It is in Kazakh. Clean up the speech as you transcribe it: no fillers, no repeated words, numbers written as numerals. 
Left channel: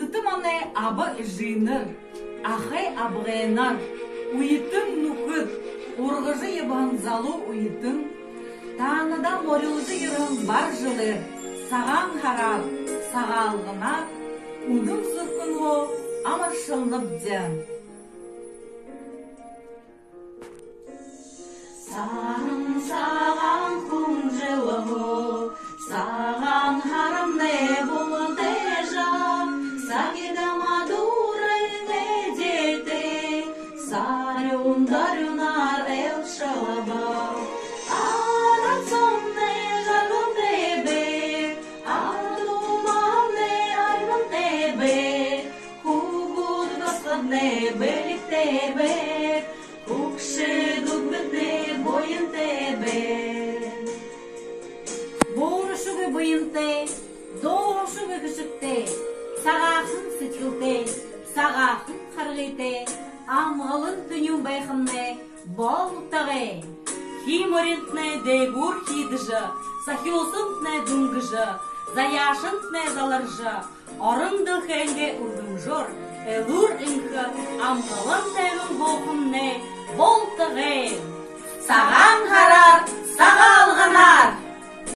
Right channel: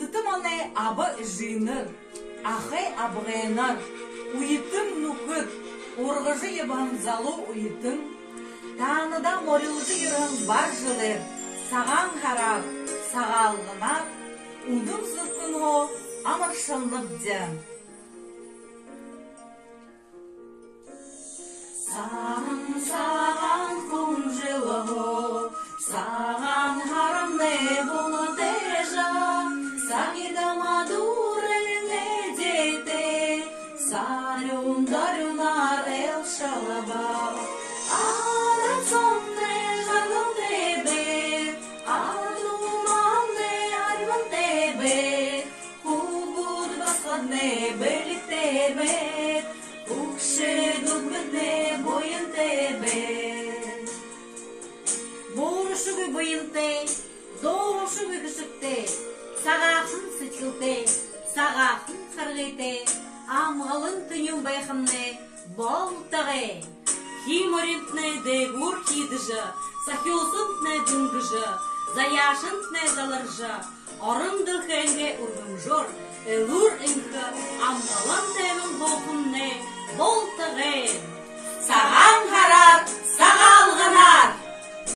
Ындытым аны абы жиныр, ахай абғайнар, уйытым нукыт, орғыжы ебан залу уйытым, тағыныда морылжы ерін бар жылыр, саған харап, сағалғынат, ұндым сұқын о, амыршылнып дем. Саған құм жылы о, саған харам не болын тежа, сагеда мадуры не дете, сарюн дарюнар ел шалаба. Арацом не жаргым тебе, адумам не аргым тебе, хугуд басқад не белик тебе, Укши дугбедне бойын тебе. Борушугы бойынте, доғушугы кішікте, сағақын сүчілте, сағақын қарғыте, амғылын түнюн байқынне, болтағы. Химорентне дегур хидыжы, сахиосынтне дүнгыжы, заяшынтне заларжы, орындыл хәнге үргім жор, элур инхы, амғылын